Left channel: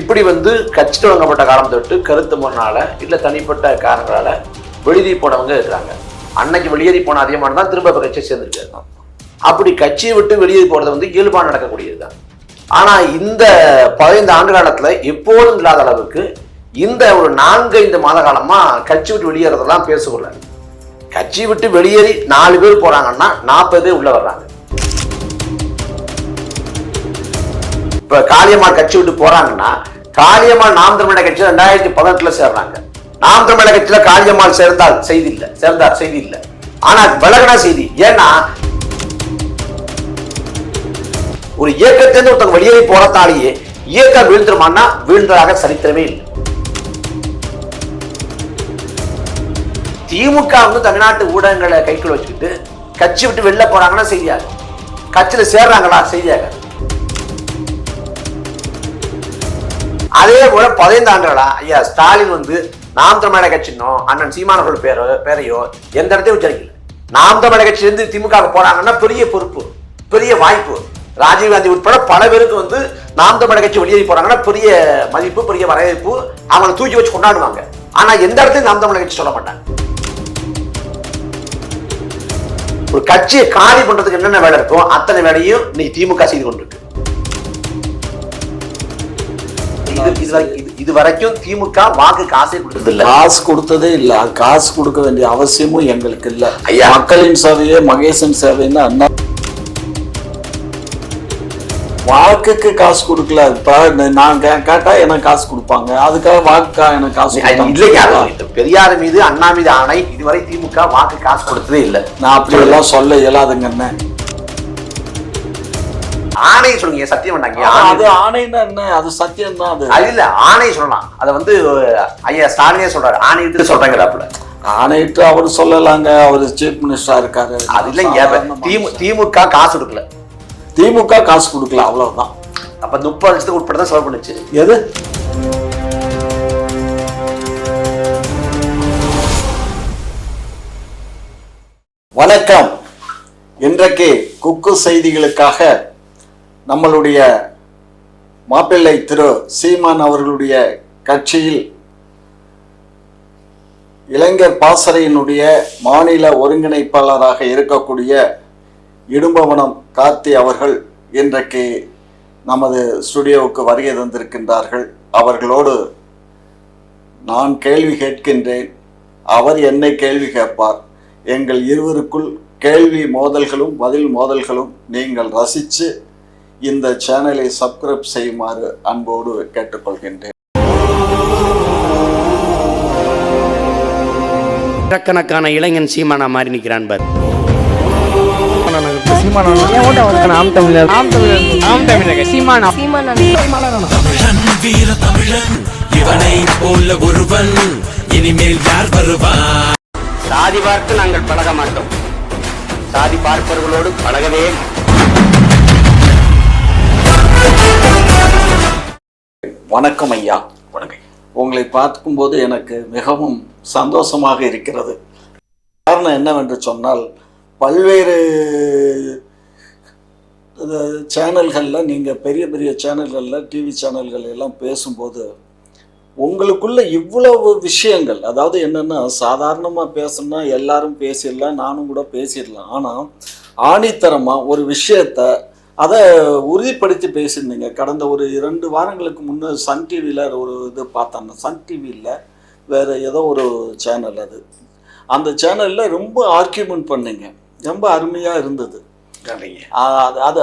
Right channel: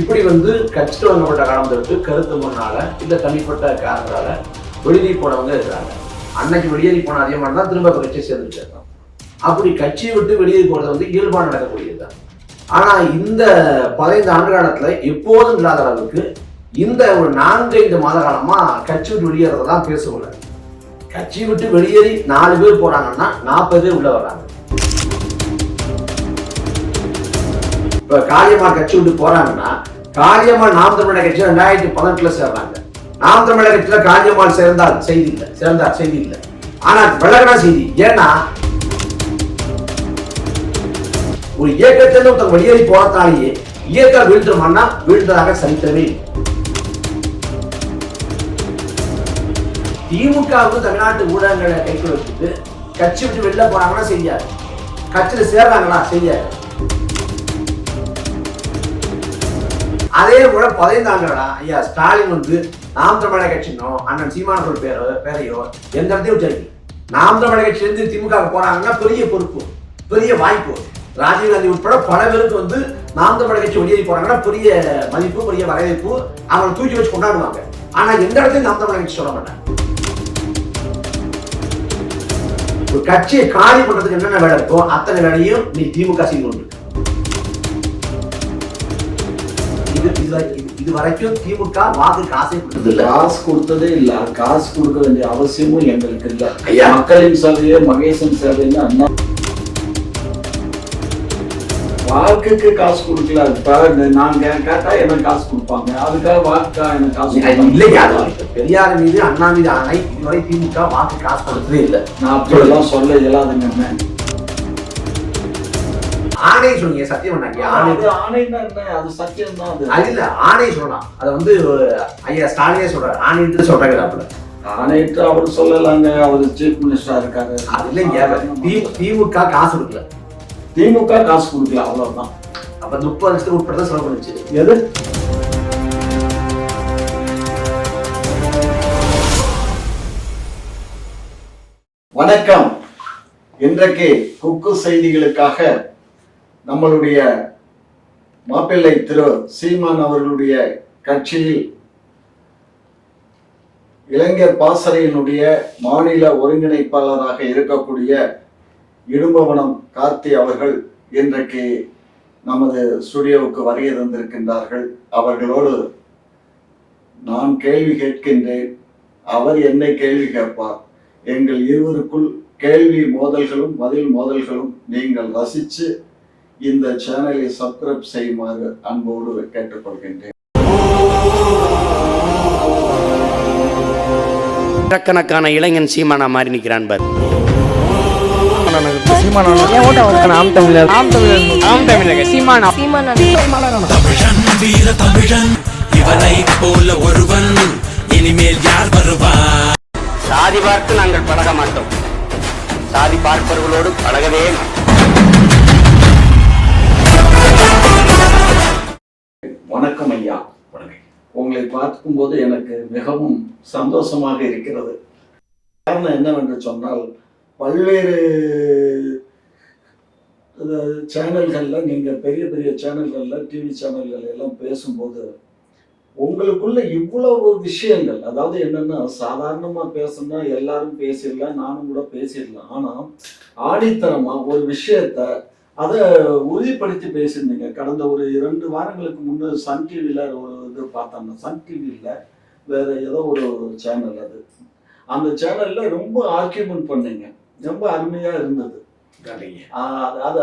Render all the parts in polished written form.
இப்படி கட்சி தொடங்கப்பட்ட காலம் தொட்டு கருத்து முன்னால இல்ல தனிப்பட்ட காரணங்களால வெளியேறி போனவங்க இருக்கிறாங்க. அன்னைக்கு வெளியேறி போன அதிகமான தான் திரும்ப கட்சியை சேர்ந்துருக்காங்க. அப்படி கட்சியை விட்டு வெளியேறி போறது இயல்பாக நடக்கக்கூடியதுதான். ஆனா இந்த 15 ஆண்டு காலத்துல எப்போதும் இல்லாத அளவுக்கு இந்த ஒரு 4-5 மாத காலமா கட்சி விட்டு வெளியேறதெல்லாம் பேசக்கூட. கட்சி விட்டு வெளியேறி 4 பேர் போறாங்கன்னா 40 பேர் உள்ள வர்றாங்க. இப்ப காளியம்மாள் கட்சி விட்டு போறாங்கன்னா காளியம்மாள் நாம் தமிழர் கட்சியில 2018 சேர்றாங்க. நாம் தமிழர் கட்சியில காளியம்மாள் சேர்ந்தால் செய்தி இல்லை, சேர்ந்தால் செய்தி இல்லை. ஆனா விலகனா செய்தி. ஏன்னா ஒரு இயக்கத்திலிருந்து ஒருத்தர் வெளியேறி போறதாலேயே இயக்கம் வீழ்ந்துருமான்னா வீழ்ந்ததாக சரித்திரமே இல்லை. திமுக தமிழ்நாட்டு ஊடகங்களை கைக்குள்ள வச்சுக்கிட்டு கட்சி விட்டு வெளில போறாங்கன்னா செய்தியாக, கட்சியில சேர்றாங்களா செய்தியாக. அதே போல 15 ஆண்டுகளா ஐயா ஸ்டாலின் நாம் தமிழர் கட்சினோ அண்ணன் சீமானவர்கள் பேரையோ எந்த இடத்தையும் உச்சரிக்கல. நாம் தமிழர் கட்சியிலிருந்து திமுக போறாங்கன்னா பெரிய பொறுப்பு, பெரிய வாய்ப்பு. ராஜீவ்காந்தி உட்பட பல பேருக்கு நாம் தமிழர் கட்சி வெளியேறி போறாங்கன்னா பெரிய மதிப்பு, பெரிய வரவேற்பு, அவங்களை தூக்கி வச்சு கொண்டாடுவாங்க. ஆனா எந்த இடத்தையும் நாம் தமிழர் கட்சி சொல்ல மாட்டாங்க. ஒரு கட்சியை காலி பண்றதுக்கு என்னென்ன வேலை இருக்கும் அத்தனை வேலையும் இன்னைக்கு திமுக செய்து கொண்டிருக்கு. இது வரைக்கும் திமுக வாக்கு காசே கொடுத்தது இல்ல, காசு கொடுத்ததே இல்ல. காசு கொடுக்க வேண்டிய அவசியமும் எங்களுக்கு இல்ல. மக்களின் சேவையே மகேசன் சேவைன்னு அண்ணா வாக்குக்கு காசு கொடுக்கல. இப்ப நான் கேட்டா எனக்கு காசு கொடுப்பாங்க, அதுக்காக வாக்குக்கா எனக்கு காசு இல்லையா? பெரியார் மீது அண்ணா மீது ஆணை இதுவரை திமுக வாக்கு காசு கொடுத்ததே இல்லை. நான் அப்படி எல்லாம் சொல்ல இயலாதுங்க. ஆணை சொல்லுங்க, சத்தியம் பண்ணாங்க. அது ஆணைன்னா என்ன? அது சத்தியம் தான். அது இல்ல, ஆணை சொல்லலாம். அத ஐயா ஸ்டாலினே சொல்றாரு, ஆணையிட்டு சொல்றாங்க. ஆணையிட்டு அவரு சொல்லலாங்க, அவரு சீஃப் மினிஸ்டரா இருக்காரு. அது இல்லைங்க, திமுக காசு கொடுக்கல, திமுக காசு கொடுக்கல, அவ்வளவுதான். அப்ப 30 லட்சத்துக்கு உட்பட செலவு பண்ணுச்சு. எது? வணக்கம். இன்றைக்கு குக்கு செய்திகளுக்காக நம்மளுடைய மாப்பிள்ளை திரு சீமான் அவர்களுடைய கட்சியில் இளைஞர் பாசறையினுடைய மாநில ஒருங்கிணைப்பாளராக இருக்கக்கூடிய இடும்பவனம் கார்த்தி அவர்கள் இன்றைக்கு நமது ஸ்டுடியோவுக்கு வருகை தந்திருக்கின்றார்கள். அவர்களோடு நான் கேள்வி கேட்கின்றேன், அவர் என்னை கேள்வி கேட்பார். எங்கள் இருவருக்குள் கேள்வி மோதல்களும் பதில் மோதல்களும் நீங்கள் ரசித்து இந்த சேனலை சப்ஸ்கிரைப் செய்யுமாறு அன்போடு கேட்டுக்கொள்கின்றேன். லட்சக்கணக்கான இளைஞன் சீமானா மாறி நிற்கிறான் பார். சாதி பார்த்து நாங்கள் பழக மாட்டோம், சாதி பார்ப்பவர்களோடு பழகவே மாட்டோம். வணக்கம் ஐயா. வணக்கம். உங்களை பார்க்கும்போது எனக்கு மிகவும் சந்தோஷமாக இருக்கிறது. காரணம் என்னவென்று சொன்னால், பல்வேறு சேனல்களில் நீங்கள் பெரிய பெரிய சேனல்களில் டிவி சேனல்கள் எல்லாம் பேசும்போது உங்களுக்குள்ள இவ்வளவு விஷயங்கள், அதாவது என்னென்னா சாதாரணமாக பேசணும்னா எல்லாரும் பேசிடலாம், நானும் கூட பேசிடலாம். ஆனால் ஆணித்தரமாக ஒரு விஷயத்தை அதை உறுதிப்படுத்தி பேசியிருந்தீங்க. கடந்த ஒரு 2 வாரங்களுக்கு முன்னே சன் டிவியில் ஒரு இது பார்த்தாங்க. சன் டிவியில் வேறு ஏதோ ஒரு சேனல், அந்த சேனலில் ரொம்ப ஆர்கியூமெண்ட் பண்ணீங்க, ரொம்ப அருமையாக இருந்தது.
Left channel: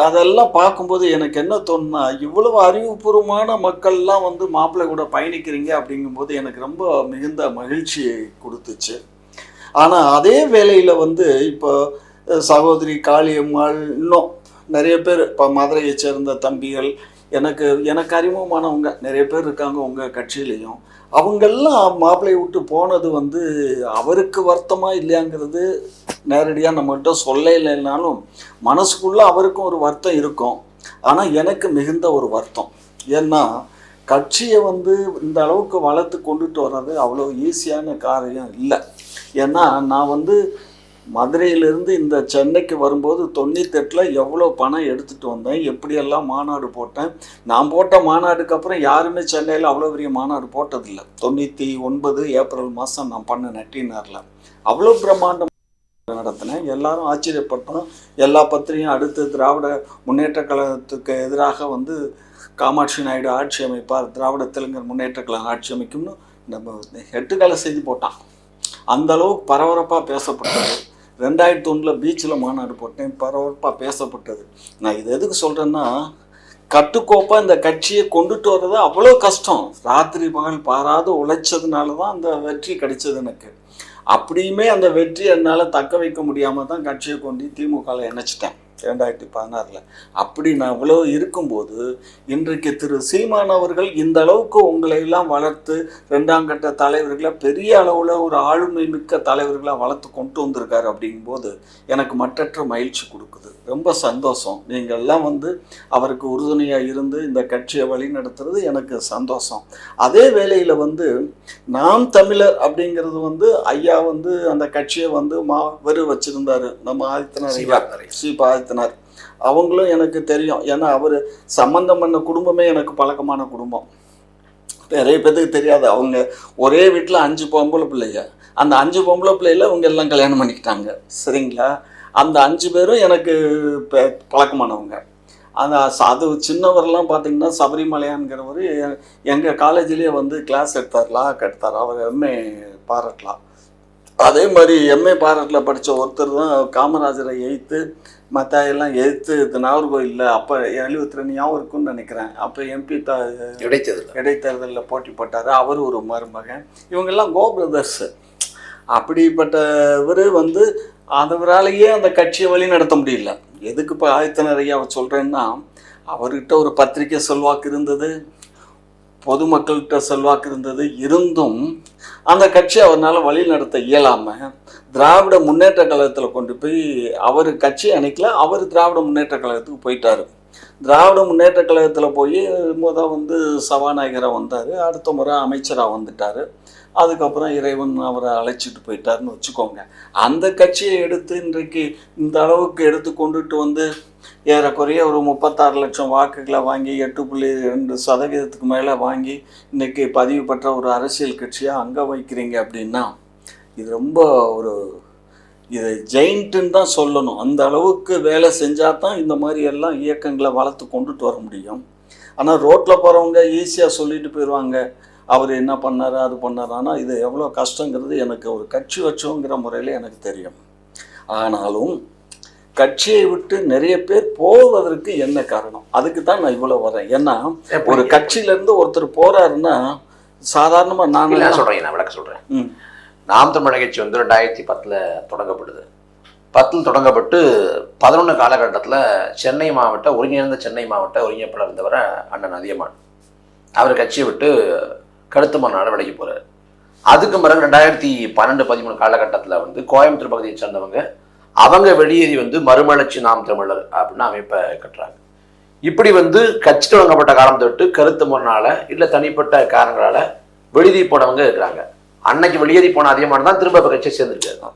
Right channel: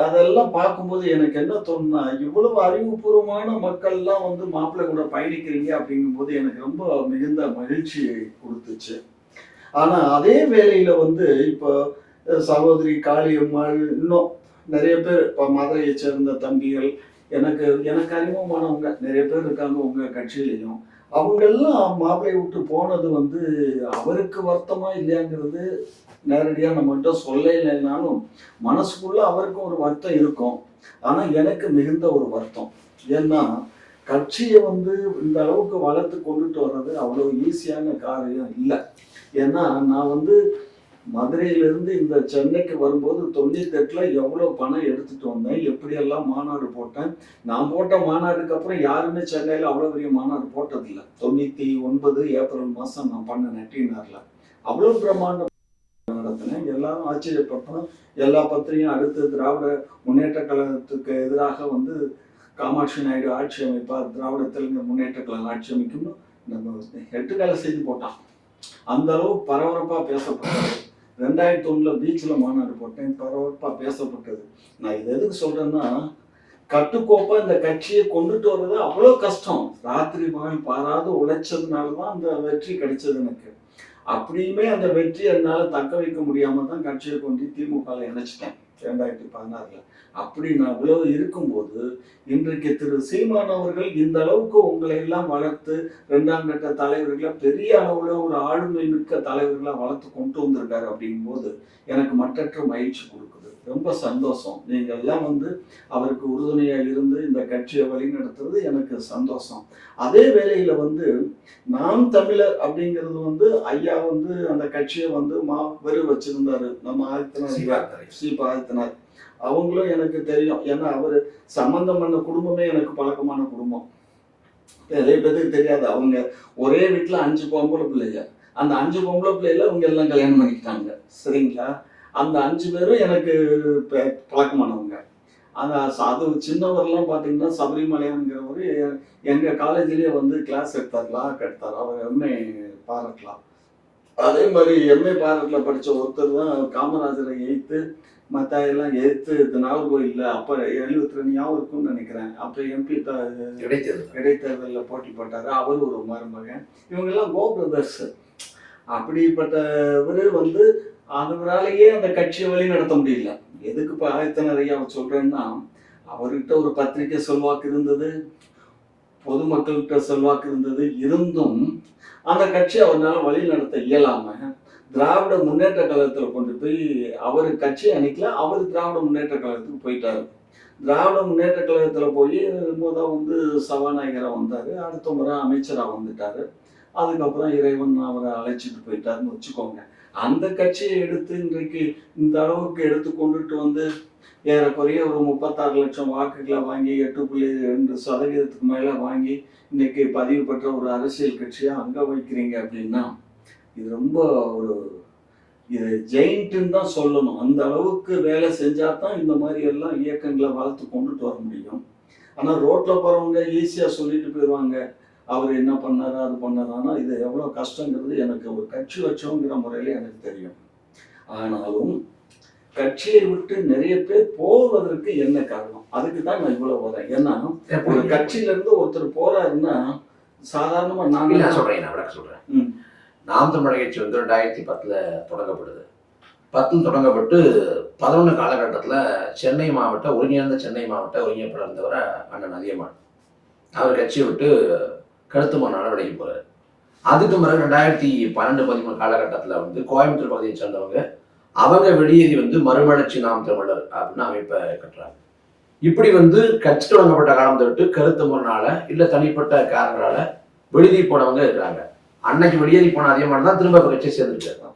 அதெல்லாம் பார்க்கும்போது எனக்கு என்ன தோணுன்னா, இவ்வளவு அறிவுபூர்வமான மக்கள்லாம் மாப்பிள்ளை கூட பயணிக்கிறீங்க அப்படிங்கும்போது எனக்கு ரொம்ப மிகுந்த மகிழ்ச்சியை கொடுத்துச்சு. ஆனால் அதே வேளையில் இப்போ சகோதரி காளியம்மாள், இன்னும் நிறைய பேர், இப்போ மதுரையை சேர்ந்த தம்பிகள், எனக்கு அறிமுகமானவங்க நிறைய பேர் இருக்காங்க உங்கள் கட்சியிலையும். அவங்கெல்லாம் மாப்பிள்ளை விட்டு போனது அவருக்கு வருத்தமாக இல்லையாங்கிறது நேரடியாக நம்மகிட்ட சொல்ல இல்லைன்னாலும் மனசுக்குள்ளே அவருக்கும் ஒரு வருத்தம் இருக்கும். ஆனால் எனக்கு மிகுந்த ஒரு வருத்தம். ஏன்னா கட்சியை இந்த அளவுக்கு வளர்த்து கொண்டுட்டு வர்றது அவ்வளோ ஈஸியான காரியம் இல்லை. ஏன்னா நான் மதுரையிலிருந்து இந்த சென்னைக்கு வரும்போது 98ல் எவ்வளோ பணம் எடுத்துகிட்டு வந்தேன், எப்படியெல்லாம் மாநாடு போட்டேன். நான் போட்ட மாநாடுக்கு அப்புறம் யாருமே சென்னையில் அவ்வளோ பெரிய மாநாடு போட்டதில்லை. 99 ஏப்ரல் மாதம் நான் பண்ணேன் டிஎன்ஆரில். அவ்வளோ பிரம்மாண்டம் நடத்தினேன். எல்லாரும் ஆச்சரியப்பட்டோம். எல்லா பத்திரிகையும் அடுத்து திராவிட முன்னேற்ற கழகத்துக்கு எதிராக வந்து காமாட்சி நாயுடு ஆட்சி அமைப்பார், திராவிட தெலுங்கர் முன்னேற்ற கழகம் ஆட்சி அமைக்கும்னு நம்ம 8 கால செய்தி போட்டான். அந்த அளவுக்கு பரபரப்பாக பேசப்பட்டது. 2001 பீச்சில் மாநாடு போட்டேன், பரபரப்பாக பேசப்பட்டது. நான் இது எதுக்கு சொல்கிறேன்னா, கட்டுக்கோப்பாக இந்த கட்சியை கொண்டுட்டு வர்றது அவ்வளோ கஷ்டம். ராத்திரி பகல் பாராது உழைச்சதுனால தான் அந்த வெற்றி கிடைச்சது எனக்கு. அப்படியுமே அந்த வெற்றி என்னால் தக்க வைக்க முடியாமல் தான் கட்சியை கொண்டு திமுகவில் இணைச்சிட்டேன் 2016. அப்படி நான் இவ்வளவு இருக்கும்போது இன்றைக்கு திரு சீமான் அவர்கள் இந்த அளவுக்கு உங்களை எல்லாம் வளர்த்து 2ஆம் கட்ட தலைவர்களை பெரிய அளவில் ஒரு ஆளுமை மிக்க தலைவர்களாக வளர்த்து கொண்டு வந்திருக்காரு. அப்படிங்கும்போது எனக்கு மற்றற்ற மகிழ்ச்சி கொடுக்குது. ரொம்ப சந்தோஷம். நீங்கள் எல்லாம் வந்து அவருக்கு உறுதுணையாக இருந்து இந்த கட்சியை வழி நடத்துறது எனக்கு சந்தோஷம். அதே வேளையில் வந்து நாம் தமிழர் அப்படிங்கிறது வந்து ஐயா வந்து அந்த கட்சியை வந்து வச்சிருந்தாரு. நம்ம ஆதித்தனார் அவங்களும் எனக்கு தெரியும். ஏன்னா அவர் சம்பந்தம் பண்ண குடும்பமே எனக்கு பழக்கமான குடும்பம். நிறைய பேருக்கு தெரியாது. அவங்க ஒரே வீட்டில் 5 பொம்பளை பிள்ளைங்க. அந்த 5 பொம்பளை பிள்ளைல அவங்க எல்லாம் கல்யாணம் பண்ணிக்கிட்டாங்க. சரிங்களா? அந்த 5 பேரும் எனக்கு பழக்கமானவங்க. அது சின்னவரெல்லாம் பார்த்தீங்கன்னா சபரிமலையான்கிறவர் எங்கள் காலேஜ்லேயே வந்து கிளாஸ் எடுத்தார், லா எடுத்தார். அவர் எம்ஏ பாராட்டலாம். அதே மாதிரி எம்ஏ பாராட்டில் படித்த ஒருத்தர் தான் காமராஜரை எய்த்து மற்ற எல்லாம் எதிர்த்து நாகர்கோயிலில் அப்போ 72 ஞாபகம் இருக்குன்னு நினைக்கிறேன். அப்போ எம்பி இடைத்தேர்தலில் போட்டி போட்டார். அவர் ஒரு மருமகன். இவங்கெல்லாம் கோ பிரதர்ஸு. அப்படிப்பட்டவர் வந்து அவராலேயே அந்த கட்சியை வழி நடத்த முடியல. எதுக்கு இப்போ ஆதித்தனார் ஐயா சொல்கிறேன்னா, அவர்கிட்ட ஒரு பத்திரிக்கை செல்வாக்கு இருந்தது, பொதுமக்கள்கிட்ட செல்வாக்கு இருந்தது. இருந்தும் அந்த கட்சியை அவரால் வழி நடத்த இயலாமல் திராவிட முன்னேற்ற கழகத்தில் கொண்டு போய் அவர் கட்சி அன்னைக்கில் அவர் திராவிட முன்னேற்ற கழகத்துக்கு போயிட்டார். திராவிட முன்னேற்ற கழகத்தில் போய் வந்து சபாநாயகராக வந்தார். அடுத்த முறை அமைச்சராக வந்துட்டார். அதுக்கப்புறம் இறைவன் அவரை அழைச்சிட்டு போயிட்டாருன்னு வச்சுக்கோங்க. அந்த கட்சியை எடுத்து இன்றைக்கு இந்த அளவுக்கு எடுத்து கொண்டுட்டு வந்து ஏறக்குறைய ஒரு 36 லட்சம் வாக்குகளை வாங்கி 8.2% மேலே வாங்கி இன்றைக்கி பதிவு பெற்ற ஒரு அரசியல் கட்சியாக அங்கே வைக்கிறீங்க அப்படின்னா இது ரொம்ப இது ஜெயிண்ட்டுன்னு தான் சொல்லணும். அந்த அளவுக்கு வேலை செஞ்சால் தான் இந்த மாதிரி எல்லாம் இயக்கங்களை வளர்த்து கொண்டுட்டு வர முடியும். ஆனால் ரோட்டில் போகிறவங்க ஈஸியாக சொல்லிட்டு போயிடுவாங்க, அவர் என்ன பண்ணார் அது பண்ணார். ஆனால் இது எவ்வளோ கஷ்டங்கிறது எனக்கு ஒரு கட்சி வச்சோங்கிற முறையில் எனக்கு தெரியும். ஆனாலும் கட்சியை விட்டு நிறைய பேர் போவதற்கு என்ன காரணம், அதுக்கு தான் நான் இவ்வளோ வரேன். ஏன்னா ஒரு கட்சியிலேருந்து ஒருத்தர் போகிறாருன்னா சாதாரணமாக நான் விளக்க சொல்கிறேன். நாம் தமிழர் கட்சி வந்து 2010 தொடங்கப்படுது. 10 தொடங்கப்பட்டு 11 காலகட்டத்தில் சென்னை மாவட்ட ஒருங்கிணைப்பாளர் இருந்தவரை அண்ணன் அதியமான் அவர் கட்சியை விட்டு கருத்துமன்னால விலகி போறாரு. அதுக்கு பிறகு 2012-13 காலகட்டத்தில் வந்து கோயம்புத்தூர் பகுதியை சேர்ந்தவங்க அவங்க வெளியேறி வந்து மறுமலர்ச்சி நாம் தமிழர் அப்படின்னு அமைப்பை கட்டுறாங்க. இப்படி வந்து கட்சி தொடங்கப்பட்ட காலம் தொட்டு கருத்து முன்னால இல்லை தனிப்பட்ட காரணங்களால வெளியேறி போனவங்க இருக்கிறாங்க. அன்னைக்கு வெளியேறி போன அதிகமான தான் திரும்ப இப்போ கட்சியை சேர்ந்துருக்காங்க.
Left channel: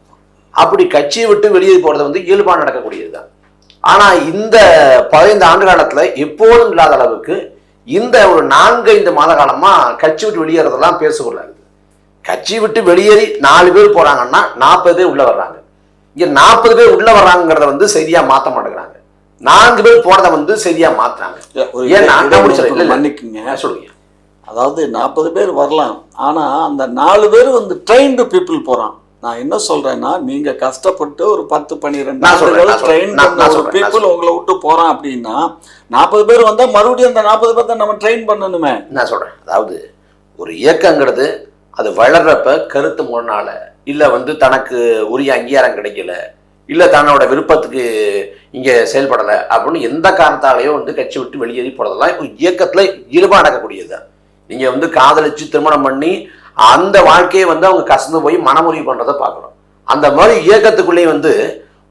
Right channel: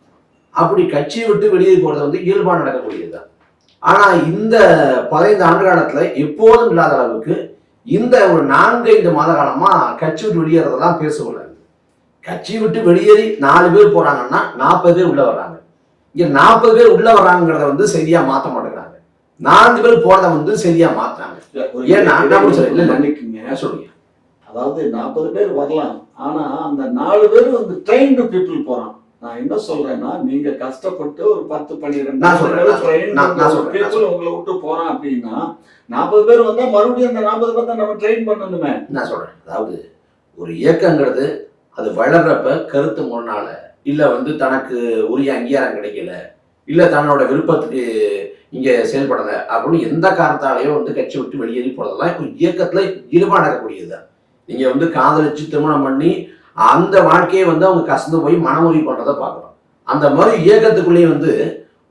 அப்படி கட்சியை விட்டு வெளியேறி போறது வந்து இயல்பாக நடக்கக்கூடியதுதான். ஆனா இந்த 15 ஆண்டு காலத்துல எப்போதும் இல்லாத அளவுக்கு இந்த ஒரு 4-5 மாத காலமா கட்சி விட்டு வெளியேறதெல்லாம் பேசக்கூடாது. கட்சி விட்டு வெளியேறி 4 பேர் போறாங்கன்னா 40 பேர் உள்ள வர்றாங்க. இங்க 40 பேர் உள்ள வர்றாங்கிறத வந்து சரியா மாத்த மாட்டேங்கிறாங்க. 4 பேர் போனதை வந்து சரியா மாத்துறாங்க. ஏன்னா சொல்லுங்க, அதாவது 40 பேர் வரலாம், ஆனா அந்த 4 பேர் வந்து ட்ரெயின்டு பீப்புள் போறான். நான் என்ன சொல்றேன்னா, நீங்க கஷ்டப்பட்டு ஒரு 10-12 பீப்புள் உங்களை விட்டு போறான் அப்படின்னா 40 பேர் வந்தா மறுபடியும் அந்த 40 பேர் தான் நம்ம ட்ரெயின் பண்ணணுமே. நான் சொல்றேன், அதாவது ஒரு இயக்கங்கிறது அது வளர்றப்ப கருத்து முன்னால இல்ல வந்து தனக்கு உரிய அங்கீகாரம் கிடைக்கல, இல்ல தன்னோட விருப்பத்துக்கு இங்க செயல்படல அப்படின்னு எந்த காரணத்தாலேயும் வந்து கட்சி விட்டு வெளியேறி போறதெல்லாம் ஒரு இயக்கத்துல இயல்பா நடக்கக்கூடியதுதான். நீங்க வந்து காதலிச்சு திருமணம் பண்ணி அந்த வாழ்க்கையை வந்து அவங்க கசந்து போய் மனமுறிவு பண்றதை பார்க்குறோம். அந்த மாதிரி இயக்கத்துக்குள்ளேயே வந்து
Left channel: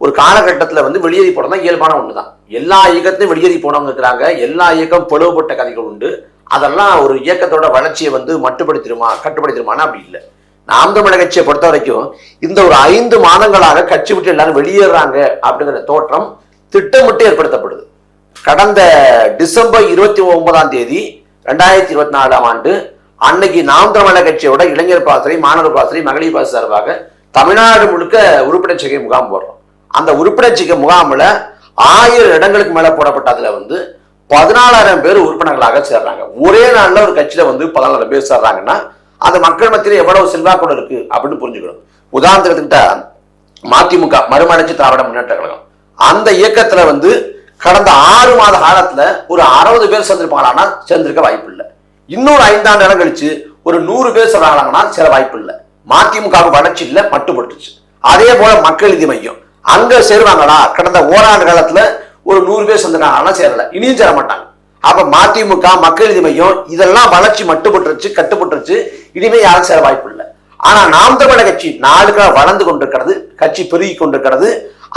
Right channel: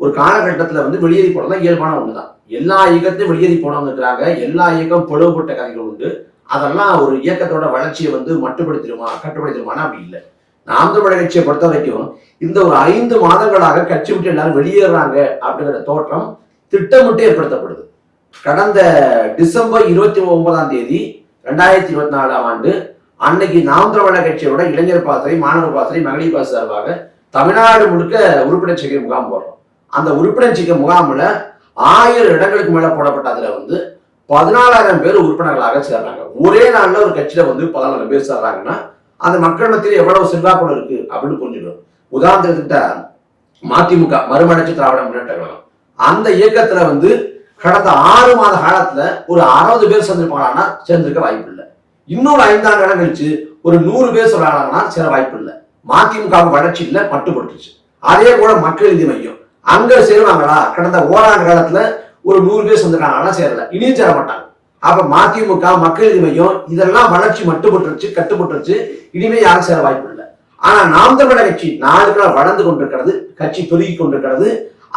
ஒரு காலகட்டத்தில் வந்து வெளியேறி போனதான் இயல்பான ஒண்ணுதான். எல்லா இயக்கத்தையும் வெளியேறி போனவங்க இருக்கிறாங்க. எல்லா இயக்கம் பிளவுபட்ட கதைகள் உண்டு. அதெல்லாம் ஒரு இயக்கத்தோட வளர்ச்சியை வந்து மட்டுப்படுத்திடுமா கட்டுப்படுத்திடுமானா அப்படி இல்லை. நாம் தமிழர் கட்சியை பொறுத்த வரைக்கும் இந்த ஒரு 5 மாதங்களாக கட்சி விட்டு எல்லாரும் வெளியேறாங்க அப்படிங்கிற தோற்றம் திட்டமிட்டு ஏற்படுத்தப்படுது. கடந்த டிசம்பர் 29ஆம் தேதி 2024ஆம் ஆண்டு அன்னைக்கு நாம் தமிழர் கட்சியோட இளைஞர் பாசறை, மாணவர் பாசறை, மகளிர் பாசறை சார்பாக தமிழ்நாடு முழுக்க உறுப்பினர் சேர்க்கை முகாம் போடுறோம். அந்த உறுப்பினர் சேர்க்கை முகாமில் 1000 இடங்களுக்கு மேல போடப்பட்ட அதுல 14,000 பேர் உறுப்பினர்களாக சேர்றாங்க. ஒரே நாள்ல ஒரு கட்சியில 14,000 பேர் சேர்றாங்கன்னா அந்த மக்கள் மத்தியில எவ்வளவு செல்வாக்கோடு இருக்கு அப்படின்னு புரிஞ்சுக்கணும். உதாரணத்துக்கிட்ட மதிமுக, மறுமலர்ச்சி திராவிட முன்னேற்ற கழகம், அந்த இயக்கத்துல கடந்த 6 மாத காலத்துல ஒரு 60 பேர் சேர்ந்திருப்பாங்கன்னா சேர்ந்திருக்க வாய்ப்பு இல்லை. இன்னொரு 5 ஆண்டு இடம் கழிச்சு ஒரு 100 பேர் சேர்றாங்கன்னா சேர வாய்ப்பு இல்லை. மதிமுக வளர்ச்சி இல்லை, மட்டுப்பட்டுச்சு. அதே போல மக்கள் நீதி மையம் அங்க சேருவாங்களா? கடந்த ஓராண்டு காலத்துல ஒரு 100 பேர் சேர்ந்துட்டாங்கன்னா சேரல, இனியும் சேர மாட்டாங்க. அப்ப மதிமுக, மக்கள் நீதி மையம் இதெல்லாம் வளர்ச்சி மட்டுப்பட்டுருச்சு, கட்டுப்பட்டுருச்சு, இனிமே யாரும் சேர வாய்ப்பு இல்லை. ஆனா நாம் தமிழர் கட்சி நாளுக்காக வளர்ந்து கொண்டிருக்கிறது, கட்சி பெருகி கொண்டிருக்கிறது,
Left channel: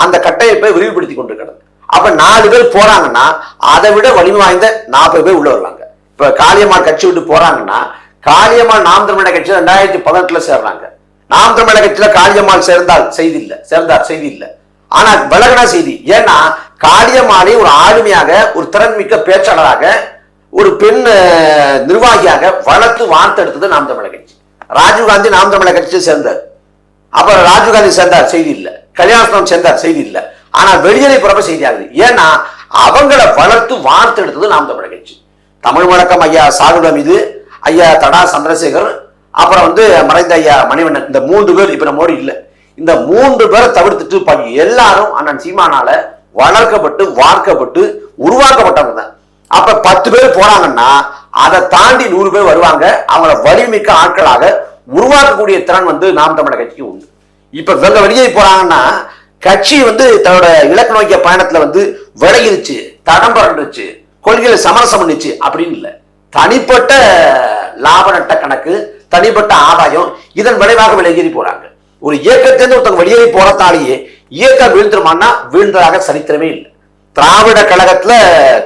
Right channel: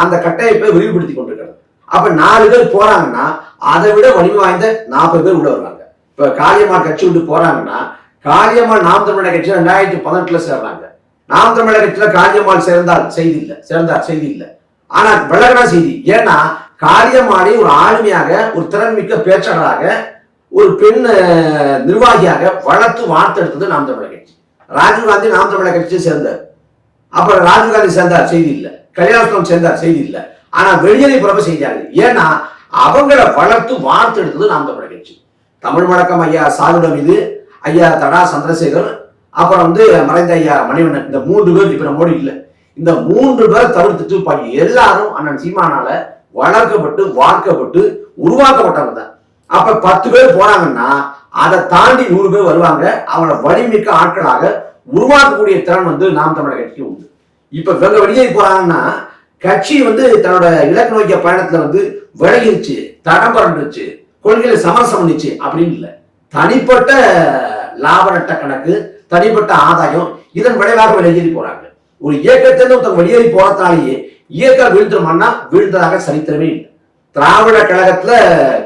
அந்த கட்டமைப்பை விரிவுபடுத்தி கொண்டிருக்கிறது. அப்ப 4 பேர் போறாங்கன்னா அதை விட வலிமை வாய்ந்த 40 பேர் உள்ள வருவாங்க. இப்ப காளியம்மாள் கட்சி விட்டு போறாங்கன்னா காளியம்மாள் நாம் தமிழர் கட்சியில 2018 சேர்றாங்க. நாம் தமிழர் கட்சியில காளியம்மாள் சேர்ந்தால் செய்தி இல்லை, சேர்ந்தார் செய்தி இல்லை. ஆனா விலகனா செய்தி. ஏன்னா காளியம்மாளை ஒரு ஆளுமையாக, ஒரு திறன்மிக்க பேச்சாளராக, ஒரு பெண் நிர்வாகியாக வளர்த்து வார்த்தெடுத்தது நாம் தமிழர் கட்சி. ராஜீவ்காந்தி நாம் தமிழர் கட்சியை சேர்ந்தார். அப்புறம் ராஜீவ்காந்தி சேர்ந்தார் செய்தி இல்லை, கல்யாணம் சேர்ந்தார் செய்தி இல்லை. ஆனா வெளியேறி பிறப்ப செய்தியாகுது. ஏன்னா அவங்களை வளர்த்து வார்த்தெடுத்தது நாம் தமிழர் கட்சி. தமிழ் வழக்கம் ஐயா சாகுட மீது, ஐயா தடா சந்திரசேகர், அப்புறம் மறைந்த ஐயா மணிவண்ணன், இந்த 3 பேர் இப்ப நம்ம மோடி இல்லை. இந்த 3 பேரை தவிர்த்துட்டு எல்லாரும் அண்ணன் சீமானால வளர்க்கப்பட்டு, வார்க்கப்பட்டு, உருவாக்கப்பட்டவங்க தான். அப்ப 10 பேர் போறாங்கன்னா அதை தாண்டி 100 பேர் வருவாங்க. அவங்கள வலிமிக்க ஆட்களாக உருவாக்கக்கூடிய திறன் நாம் தமிழர் கட்சிக்கு உண்டு. இப்ப இவங்க வெளியே போறாங்கன்னா கட்சி தன்னோட இலக்கு நோக்கிய பயணத்துல விலகிருச்சு, தடம் பறந்துருச்சு, கொள்கையில சமரசம் பண்ணிச்சு அப்படின்னு இல்லை. தனிப்பட்ட லாப நட்ட கணக்கு, தனிப்பட்ட ஆதாயம், இதன் விளைவாக வெளியேறி போறாங்க. ஒரு இயக்கத்திலிருந்து ஒருத்தவங்க வெளியேறி போறதாலேயே இயக்கம் வீழ்ந்துருமான்னா வீழ்ந்ததாக சரித்திரமே இல்லை. திராவிட கழகத்துல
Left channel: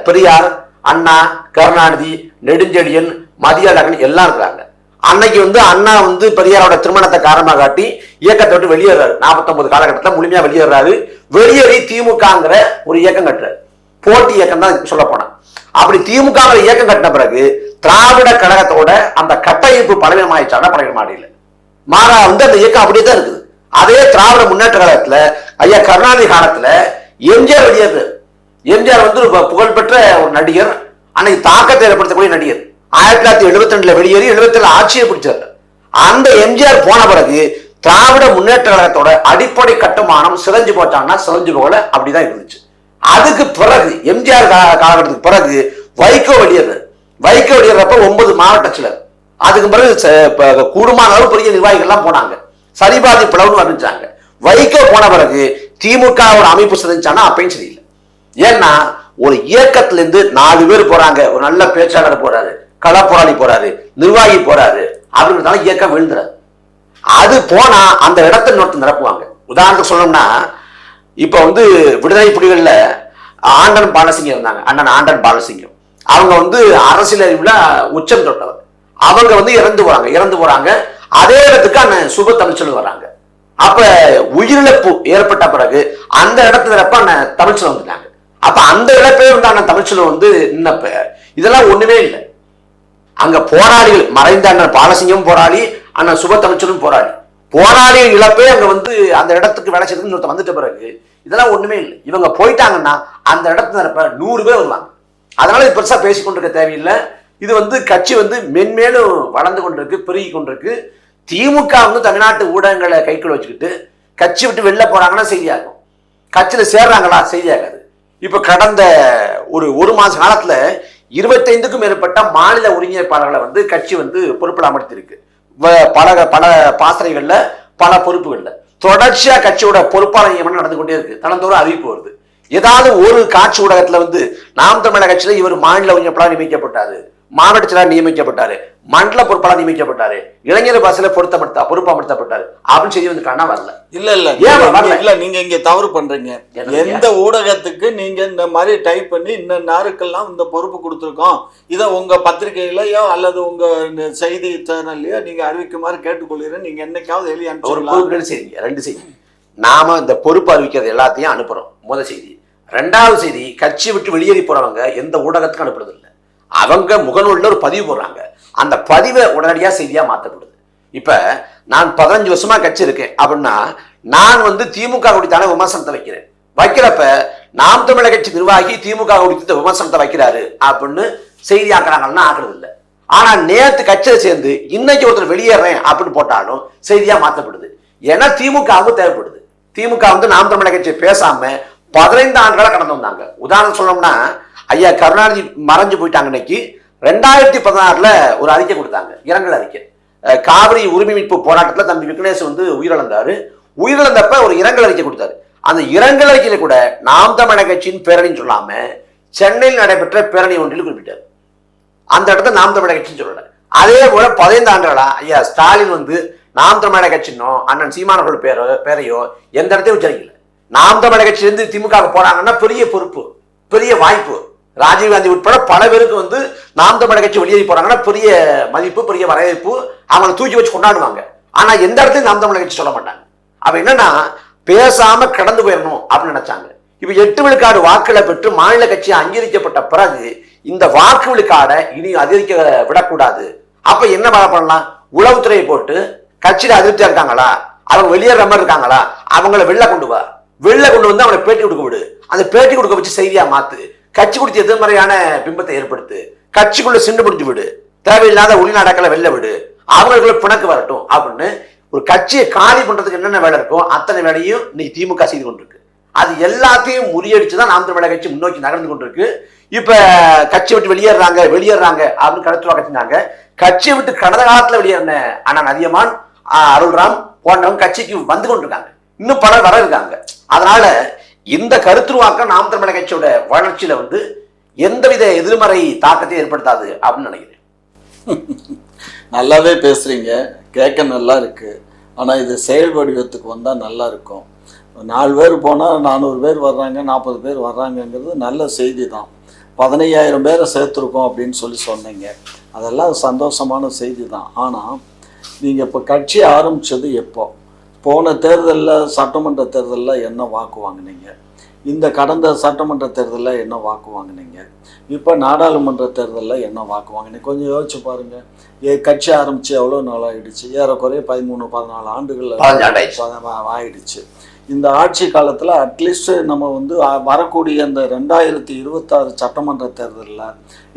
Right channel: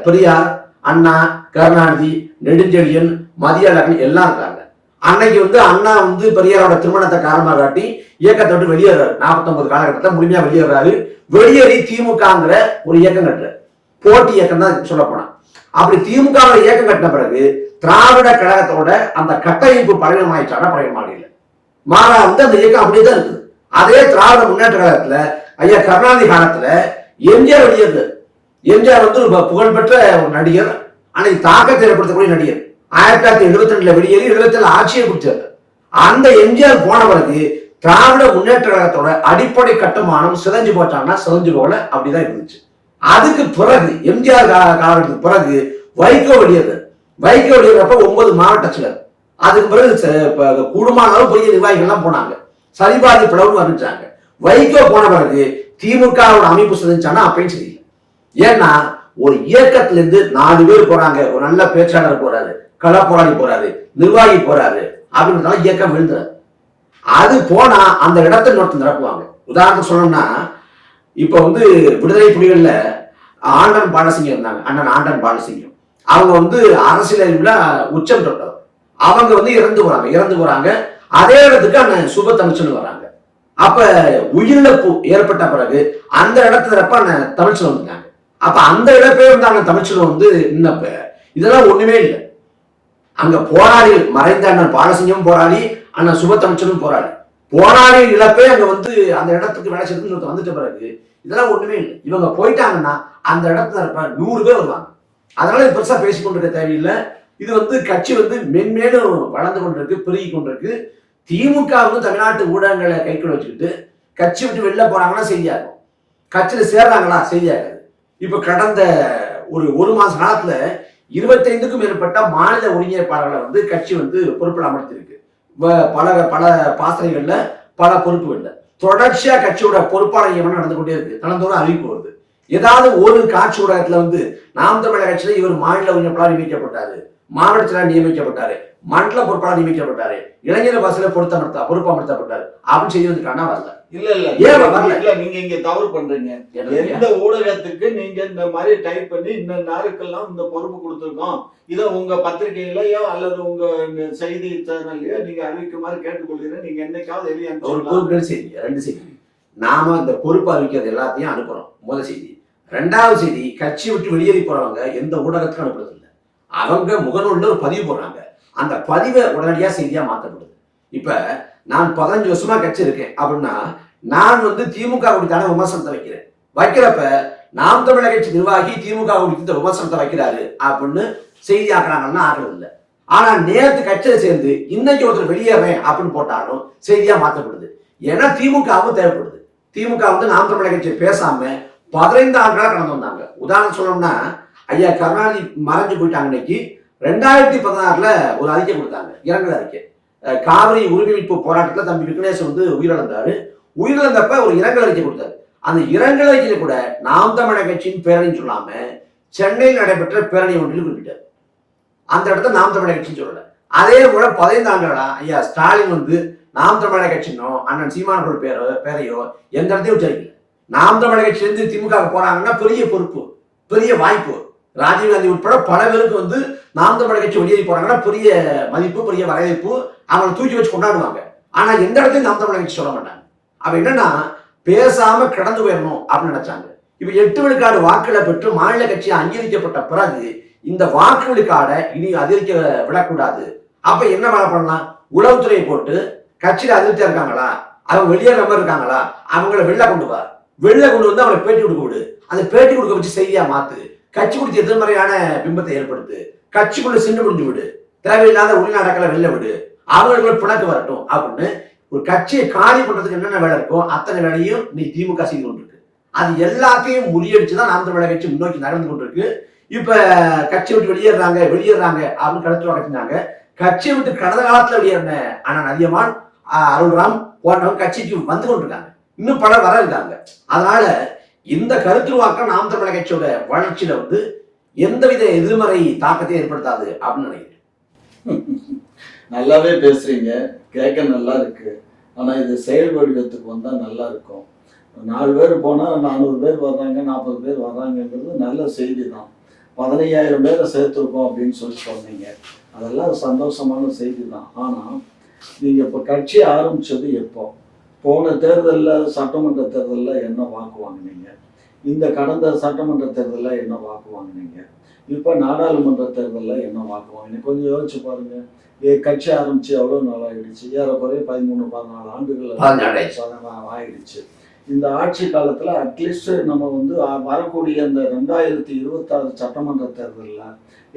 பெரியார், அண்ணா, கருணாநிதி, நெடுஞ்செழியன், மதியழகன் எல்லாம் இருக்காங்க. அன்னைக்கு அண்ணா பெரியாரோட திருமணத்தை காரணமாக காட்டி இயக்கத்தை விட்டு வெளியேறாரு. 49 காலகட்டத்தில் முழுமையா வெளியேறாரு. வெளியேறி திமுகங்கிற ஒரு இயக்கம் கட்டுறாரு. போட்டி இயக்கம் தான் சொல்ல போனா. அப்படி திமுக இயக்கம் கட்டின பிறகு திராவிட கழகத்தோட அந்த கட்டமைப்பு பலவீனமாயிடுச்சான பலவீனமாடியில மாறா அந்த இயக்கம் அப்படியே தான் இருக்குது. அதே திராவிட முன்னேற்ற கழகத்துல ஐயா கருணாநிதி காலத்துல எம்ஜிஆர் வெளியேறு. எம்ஜிஆர் புகழ்பெற்ற ஒரு நடிகர், அன்னைக்கு தாக்கத்தை ஏற்படுத்தக்கூடிய நடிகர். 1972 வெளியேறி 77 ஆட்சியை பிடிச்சாரு. அந்த எம்ஜிஆர் போன பிறகு திராவிட முன்னேற்ற கழகத்தோட அடிப்படை கட்டுமானம் சிதைஞ்சு போச்சாங்கன்னா சிதைஞ்சு போல அப்படிதான் இருந்துச்சு. அதுக்கு பிறகு எம்ஜிஆர் காலகட்டத்துக்கு பிறகு வைகோ வெளியேறு. வைகோ வெளியேறப்ப 9 மாவட்ட செயலர். அதுக்கு பிறகு கூடுமான அளவு பெரிய நிர்வாகிகள் எல்லாம் போனாங்க. சரிபாதி பிளவுன்னு வந்துச்சாங்க. வைகோ போன பிறகு திமுக ஒரு அமைப்பு சிதைஞ்சானா அப்பயும் சரியில்லை. ஏன்னா ஒரு இயக்கத்துல இருந்து 4 பேர் போறாங்க. ஒரு நல்ல பேச்சாளர் போறாரு, களப்போராளி போறாரு, நிர்வாகி போறாரு அப்படின்னு இயக்கம் விழுந்துறாரு. அது போனா அந்த இடத்தை இன்னொருத்தர் நிரப்புவாங்க. உதாரணத்துக்கு சொல்லணும்னா இப்ப விடுதலை புலிகள்ல ஆண்டன் பாலசிங்கம் இருந்தாங்க. அண்ணன் ஆண்டன் பாலசிங்கம் அவங்க அரசியல் உச்சம் தொட்டவர். அவங்க இறந்து போறாங்க. அதே இடத்துக்கு அண்ணன் சுப தமிழ்ச்செல்வன் வராங்க. அப்ப உயிரிழப்பு ஏற்பட்ட பிறகு அந்த இடத்துல நிரப்ப அண்ணன் தமிழ்ச்செல்வன் வந்துட்டாங்க. அப்ப அந்த இழப்பே அண்ணன் தமிழ்ச்செல்வன் நின்னப்ப இதெல்லாம் ஒண்ணுமே இல்லை. அங்க போராளிகள், மறைந்த அண்ணன் பாலசிங்கம் போராளி, அண்ணன் சுப தமிழ்ச்செல்வன் போராளி. போராளி இழப்பே அங்க அந்த இடத்துக்கு வேலை செய்யறதுன்னு வந்துட்ட பிறகு இதெல்லாம் ஒண்ணுமே இல்லை. இவங்க போயிட்டாங்கன்னா அந்த இடத்துல 100 பேர் வருவாங்க. அதனால இது பெருசா பேசிக்கொண்டிருக்க தேவையில்லை. இது கட்சி மென்மேலும் வளர்ந்து கொண்டிருக்கு, பெருகி கொண்டிருக்கு. திமுக தமிழ்நாட்டு ஊடகங்களை கைக்குள்ள வச்சுக்கிட்டு கட்சி விட்டு வெளில போறாங்கன்னா செய்தியாகும், கட்சியில சேர்றாங்களா செய்தியாகாது. இப்ப கடந்த ஒரு மாச காலத்துல 25க்கும் மேற்பட்ட மாநில ஒருங்கிணைப்பாளர்களை கட்சி பொறுப்பில் அமர்த்திருக்கு. பல பாசனைகள்ல, பல பொறுப்புகள்ல தொடர்ச்சியா கட்சியோட பொறுப்பாளர் நியமனம் நடந்து கொண்டே இருக்கு. தினந்தோறும் அறிவிப்பு வருது. ஏதாவது ஒரு காட்சி ஊடகத்துல நாம் தமிழர் கட்சியில இவர் மாநில ஒருங்கிணைப்பாளர் நியமிக்கப்பட்டாரு, மாவட்ட செயலாளர் நியமிக்கப்பட்டாரு, மண்டல பொறுப்பாளர் நியமிக்கப்பட்டாரு, இளைஞர் பாசல பொறுப்பமர்த்தப்பட்டாரு அப்படின்னு செய்தி வந்து காணா வரல. இல்ல நீங்க இங்க தவறு பண்றீங்க. எந்த ஊடகத்துக்கு நீங்க இந்த மாதிரி டைப் பண்ணி இந்த நாருக்கெல்லாம் இந்த பொறுப்பு கொடுத்துருக்கோம், இதை உங்க பத்திரிகையிலயோ அல்லது உங்க செய்தி சேனல்லையோ நீங்க அறிவிக்குமாறு கேட்டுக்கொள்கிறேன். நீங்க என்னைக்காவது எழுதி அனுப்பிச்சு ரெண்டு செய்தி நாம இந்த பொறுப்பு அறிவிக்கிறது எல்லாத்தையும் அனுப்புறோம். முதல் செய்தி. ரெண்டாவது செய்தி, கட்சி விட்டு வெளியேறி போறவங்க எந்த ஊடகத்துக்கும் அனுப்புறது இல்லை. அவங்க முகநூல்ல ஒரு பதிவு போடுறாங்க, அந்த பதிவை உடனடியா செய்தியா மாற்றப்படுது. இப்ப நான் 15 வருஷமா கட்சி இருக்கேன் அப்படின்னா நான் வந்து திமுக குறித்தான விமர்சனத்தை வைக்கிறப்ப நாம் தமிழர் கட்சி நிர்வாகி திமுக குறித்த விமர்சனத்தை வைக்கிறாரு அப்படின்னு செய்தி ஆக்குறாங்கன்னா ஆக்குறது இல்லை. ஆனா நேற்று கட்சியை சேர்ந்து இன்னைக்கு ஒருத்தர் வெளியேறேன் அப்படின்னு போட்டாலும் செய்தியா மாற்றப்படுது. ஏன்னா திமுகவும் தேவைப்படுது. திமுக வந்து நாம் தமிழர் கட்சி பேசாம 15 ஆண்டுகளா கடந்து வந்தாங்க. உதாரணம் சொல்லணும்னா ஐயா கருணாநிதி மறைஞ்சு போயிட்டாங்க. இன்னைக்கு 2016 ஒரு அறிக்கை கொடுத்தாங்க, இரங்கல் அறிக்கை. காவிரி உரிமை மீட்பு போராட்டத்தில் தம்பி விக்னேஷ் வந்து உயிரிழந்தாரு. உயிரிழந்தப்ப ஒரு இரங்கல் அறிக்கை கொடுத்தாரு. அந்த இரங்கல் அறிக்கையில கூட நாம் தமிழர் கட்சியின் பேரணின்னு சொல்லாம சென்னையில் நடைபெற்ற பேரணி ஒன்றில் குறிப்பிட்டார். அந்த இடத்துல நாம் தமிழர் கட்சின்னு சொல்லல. அதே போல 15 ஆண்டுகளா ஐயா ஸ்டாலின் வந்து நாம் தமிழர் கட்சினோ அண்ணன் சீமானவர்கள் பேரையோ எந்த இடத்தையும் உச்சரிக்கல. நாம் தமிழர் கட்சியிலிருந்து திமுக போனாங்கன்னா பெரிய பொறுப்பு, பெரிய வாய்ப்பு. ராஜீவ்காந்தி உட்பட பல பேருக்கு வந்து நாம் தமிழர் கட்சி வெளியேறி போறாங்கன்னா பெரிய மதிப்பு, பெரிய வரவேற்பு, அவங்களை தூக்கி வச்சு கொண்டாடுவாங்க. ஆனா எந்த இடத்துலையும் நாம் தமிழர் கட்சி சொல்ல மாட்டாங்க. அப்ப என்னன்னா பேசாம கடந்து போயிடணும் அப்படின்னு நினைச்சாங்க. இப்ப 8 விழுக்காடு வாக்குகளை பெற்று மாநில கட்சி அங்கீகரிக்கப்பட்ட பிறகு இந்த வாக்கு விழுக்காடை இனி அதிகரிக்க விடக்கூடாது. அப்ப என்ன பண்ணலாம்? உளவுத்துறையை போட்டு கட்சியில அதிருப்தியா இருக்காங்களா, அவங்க வெளியேற மாதிரி இருக்காங்களா, அவங்களை வெளில கொண்டு வந்து அவங்களை பேட்டி கொடுக்க விடு. அந்த பேட்டி கொடுக்க வச்சு செய்தியா மாத்து. கட்சி கொடுத்து எதிர்மறையான பிம்பத்தை ஏற்படுத்து. கட்சிக்குள்ள சிண்டு முடிஞ்சு விடு. தேவையில்லாத உள்நாடக்களை வெளில விடு. அவங்களுக்குள்ள பிணக்கு வரட்டும் அப்படின்னு ஒரு கட்சியை காலி பண்றதுக்கு என்னென்ன வேலை இருக்கும் அத்தனை வேலையும் இன்னைக்கு திமுக செய்து கொண்டிருக்கு. அது எல்லாத்தையும் முறியடிச்சுதான் நாம் தமிழர் கட்சி முன்னோக்கி நகர்ந்து கொண்டிருக்கு. இப்ப கட்சி விட்டு வெளியேறாங்க அப்படின்னு கருத்து கட்டினாங்க. கட்சியை விட்டு கடந்த காலத்துல வெளியேறின அண்ணன் அதியமான், அருள்ராம் போன்றவங்க கட்சிக்கு வந்து கொண்டிருக்காங்க. இன்னும் பலர் வர இருக்காங்க. அதனால இந்த கருத்துருவாக்கம் நாம் தமிழர் கட்சியோட வளர்ச்சியில வந்து எந்தவித எதிர்மறை தாக்கத்தை ஏற்படுத்தாது அப்படின்னு நினைக்கிறேன். நல்லாவே பேசுறீங்க, கேட்க நல்லா இருக்கு. ஆனா இது செயல் வடிவத்துக்கு வந்தா நல்லா இருக்கும். 4 பேர் போனா 400 பேர் வர்றாங்க, 40 பேர் வர்றாங்கங்கிறது நல்ல செய்தி தான். 15,000 பேரை சேர்த்துருக்கோம் அப்படின்னு சொன்னீங்க, அதெல்லாம் சந்தோஷமான செய்தி தான். ஆனால் நீங்கள் இப்போ கட்சி ஆரம்பித்தது எப்போ? போன தேர்தலில் சட்டமன்ற தேர்தலில் என்ன வாக்கு வாங்கினீங்க? இந்த கடந்த சட்டமன்ற தேர்தலில் என்ன வாக்கு வாங்கினீங்க? இப்போ நாடாளுமன்ற தேர்தலில் என்ன வாக்கு வாங்கினீங்க? கொஞ்சம் யோசிச்சு பாருங்கள். கட்சி ஆரம்பித்து எவ்வளோ நாள் ஆகிடுச்சு? ஏறக்குறைய 13-14 ஆண்டுகள் ஆயிடுச்சு. இந்த ஆட்சி காலத்தில் அட்லீஸ்ட் நம்ம வந்து வரக்கூடிய இந்த 2026 சட்டமன்ற தேர்தலில்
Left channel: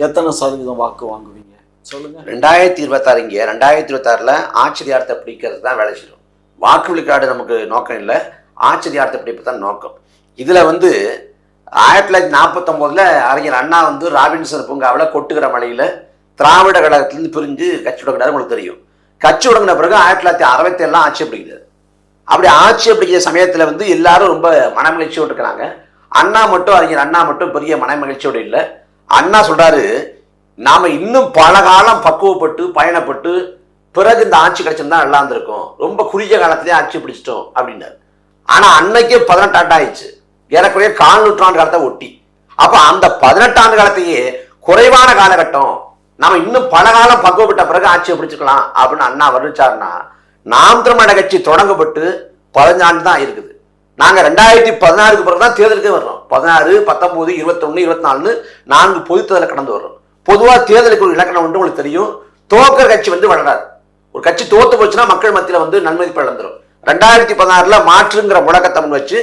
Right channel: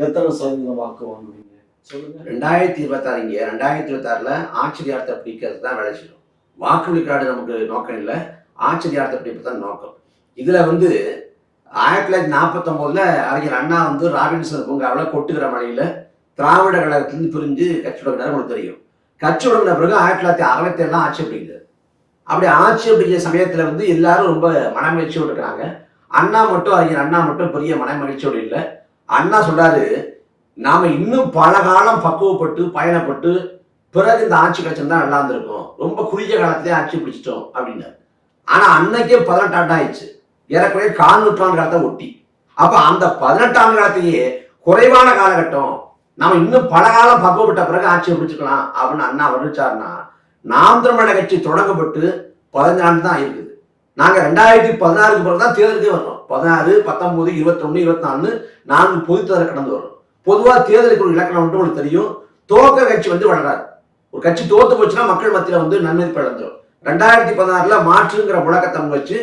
எத்தனை சதவீதம் வாக்கு வாங்குவீங்க சொல்லுங்க? 2026 இங்கே 2026 ஆட்சி அதிகாரத்தை பிடிக்கிறது தான் வேலை செய்யும். வாக்கு விழுக்காடு நமக்கு நோக்கம் இல்லை, ஆட்சி அதிகாரத்தை பிடிப்பது தான் நோக்கம். இதுல வந்து 1949 அறிஞர் அண்ணா வந்து ராபின்சன் பூங்காவில் கொட்டுகிற மலையில திராவிட கழகத்திலிருந்து பிரிஞ்சு கட்சி தொடங்கினார். உங்களுக்கு தெரியும். கட்சி தொடங்கின பிறகு 1967 ஆட்சி பிடிக்கிறது. அப்படி ஆட்சி பிடிக்கிற சமயத்துல வந்து எல்லாரும் ரொம்ப மனமகிழ்ச்சியோடு இருக்கிறாங்க. அண்ணா மட்டும், அறிஞர் அண்ணா மட்டும் பெரிய மனமகிழ்ச்சியோடு இல்லை. அண்ணா சொல்றாரு, நாம இன்னும் பல காலம் பக்குவப்பட்டு பயணப்பட்டு பிறகு இந்த ஆட்சி கிடைச்சிருந்தா நல்லா இருந்திருக்கும், ரொம்ப குறுகிய காலத்திலேயே ஆட்சி பிடிச்சிட்டோம் அப்படின்னாரு. ஆனா அன்னைக்கே 18 ஆண்டு ஆயிடுச்சு, ஏறக்குறைய 4 நூற்றாண்டு காலத்தை ஒட்டி. அப்ப அந்த 18 ஆண்டு காலத்தையே குறைவான காலகட்டம், நாம இன்னும் பல காலம் பக்குவப்பட்ட பிறகு ஆட்சியை பிடிச்சிக்கலாம் அப்படின்னு அண்ணா வர்ணிச்சாருன்னா, நாம் தமிழர் கட்சி தொடங்கப்பட்டு 15 ஆண்டு தான் இருக்குது. நாங்க 2016 பிறகுதான் தேர்தலுக்கு வர்றோம். 16, 19, 21, 24 4 பொது தேர்தலை கடந்து வர்றோம். பொதுவா தேர்தலுக்கு ஒரு இலக்கணம் வந்து உங்களுக்கு தெரியும். துவக்க கட்சி வந்து வளராது. ஒரு கட்சி தோத்து போச்சுன்னா மக்கள் மத்தியில வந்து நன்மதிப்பு இழந்துரும். 2016 மாற்றுங்கிற முழக்கத்தை வச்சு